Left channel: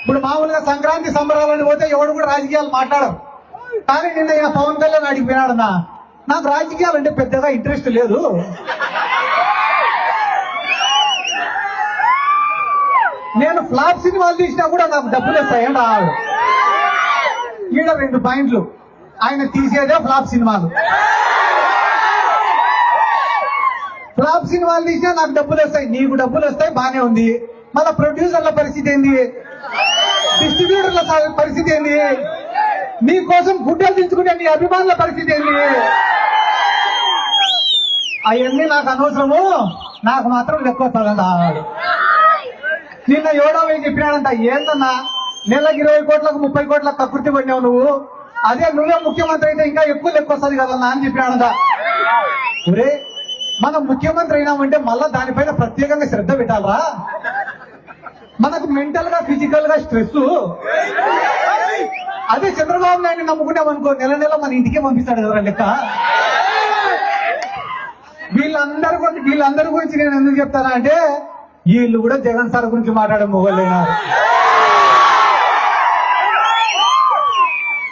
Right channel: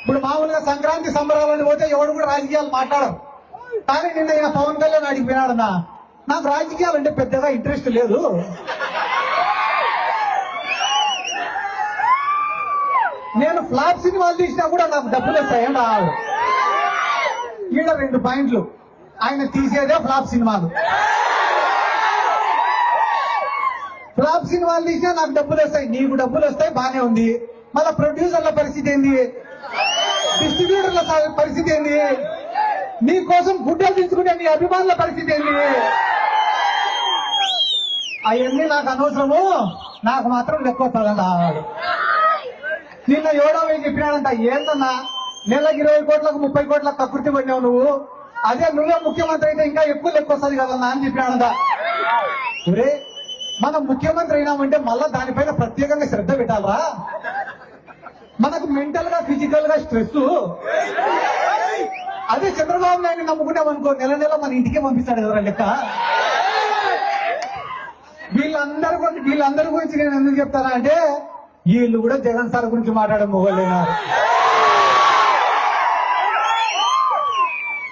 ఇప్పుడు మామూలుగా సంక్రాంతి సంబరాలని పోతే ఎవడు కూడా రాజకీయాలు మాట్లాడరు. కానీ నిన్న ఈయన పవన్ కళ్యాణ్ అడిగిపోయాడన్నా, నాకు రాజకీయాలు అంటే పెద్దగా ఇంట్రెస్ట్ లేదు, నేను ఫ్లాప్ సినిమాలు తీసినా కూడా నాకు డబ్బులు వస్తాయండి. ఈడ 2 పాయింట్లు, ఆయన తీసేదే ఫ్లాప్ సినిమాలు. ఫ్లాప్ సినిమాలు తీసినా నాకు డబ్బులు వస్తాయి, నీకు డబ్బులు వస్తాయి, బానే ఉంది. మళ్ళా ప్రొడ్యూసర్ల పరిస్థితి ఏంది, డిస్ట్రిబ్యూటర్ల పరిస్థితి ఏంది, నీ కోసం గుడ్డలు తీసుకునే నీ అభిమానుల పరిస్థితి ఏంది? అవన్నీ నాకు అనవసరము, నాకు మాత్రం లెక్క వస్తుందంట. నిన్న యోగా చెప్పినాడంట, ఏందన్నా నెలకి 20 కోట్లకు 30 కోట్లకు కకృతి పడినావు నువ్వు, అదే నువ్వే ముఖ్యమంత్రి అయితే ఇంకా ఎక్కువ లెక్క వస్తుంది కదన్నా అని చెప్పినాడంట. ఒరే, మనం ముఖ్యమంత్రి అయినామంటే మళ్ళా దానిపైన ప్రత్యేకంగా శ్రద్ధ పెట్టాలా? మనకు మెంటల్ గా ఫిజికల్ గా స్ట్రెస్. అదే చంద్రబాబు నాయుడు నమ్ముకున్నామనుకో, నెల నెల మన ఇంటికే పంపిస్తాడు కదా లెక్క. వీళ్ళందరి గురించి నేను ఎందుకు చెప్తానా అంటే, వీళ్ళు కూడా జగన్ సార్ గురించి మాట్లాడే మొగలేనా.